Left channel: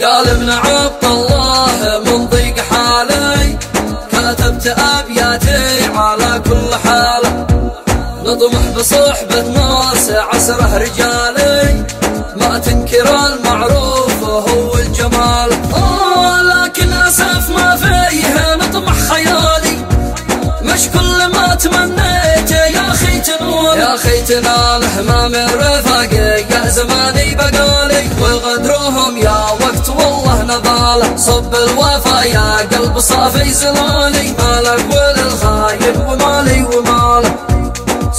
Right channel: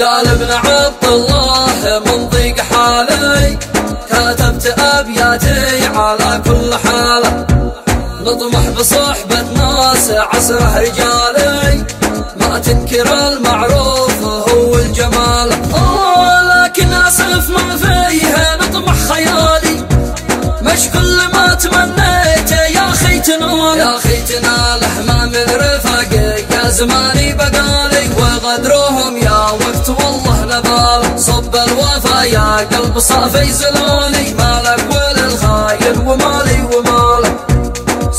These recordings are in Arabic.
قال ابن عبد الله من ضيق حالي كتبت أبياتي على كل حالة، نطمح بصحبة ناس عصره رجالي ما تنكر المعروف وهو الجمال. لكن أسف ما فيه نطمح خيالي، مش كل ما تمنيته يا أخي تنال، يا أخي تناله ما من رفاقي يا زماني بقالي، وغدرهم يا وقت والله نضاله، صب الوفا يا قلب صافي زلالي، مالك وللخاين ومالي ومالك،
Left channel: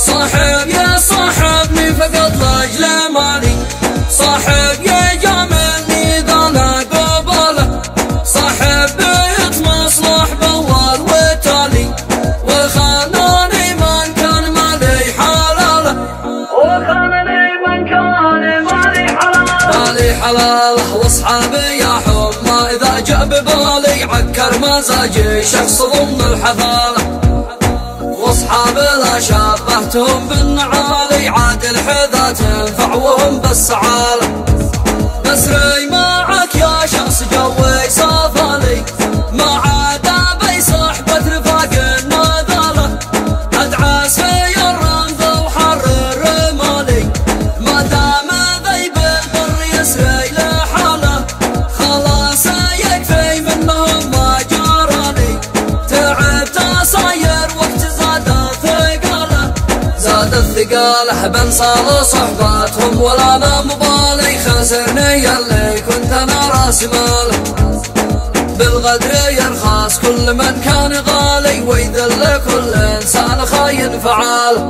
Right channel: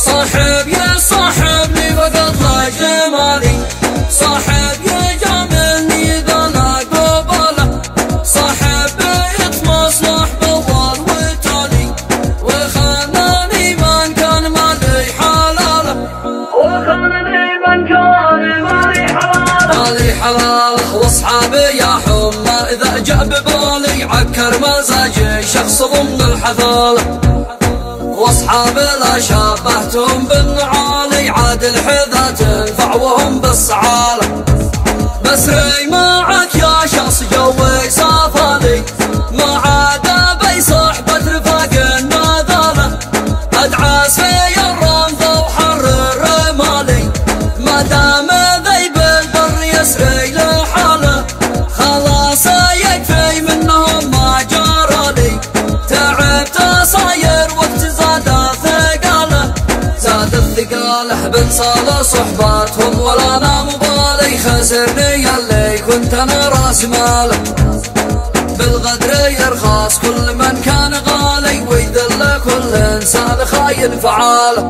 صاحب يا صاحبني فقط لاجل مالي، صاحب يا جاملني إذا أنا قبله، صاحب يتمصلح بالله وتالي، وخانني من كان مالي حلاله، وخانني من كان مالي حلاله، مالي حلاله، واصحابي يا حمى إذا جاء ببالي عكر مزاجي شخص ضمن الحفاله، واصحاب لا شابهتهم بالنعالي عاد الحذا تنفع وهم بالسعاله، مسري معك يا شخص جوك صافالي، ما عاد بي صحبة رفاق النذاله، ادعس في الرمض وحرر مالي، ما دام ذي بالبر يسري لحاله، خلاص يكفي منهم ما جرالي، تعبت صاير وقت زاد الثقاله بنصال صحباتهم ولا انا مبالي، خسرني اللي كنت انا راس ماله، بالغدر يرخص كل من كان غالي، ويذل كل انسان خاين فعاله،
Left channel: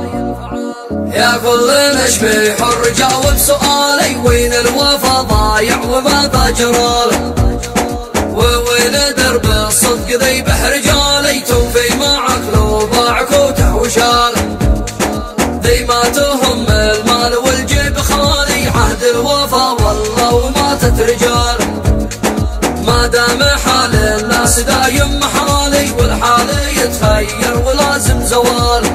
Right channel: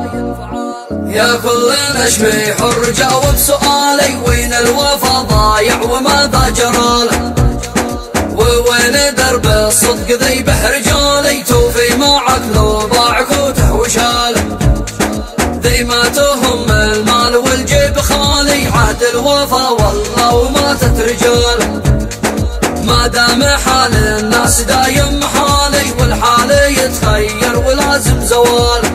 يا كل نشبي حر جاوب سؤالي، وين الوفا ضايع وماذا جراله، ووين درب الصدق ذي بحر جالي، توفي معك لو ضاعك وتحوشاله، ذي ما تهم المال والجيب خالي، عهد الوفا والله وماتت رجاله، ما دام حال الناس دايم محالي، والحال يتخير ولازم زواله.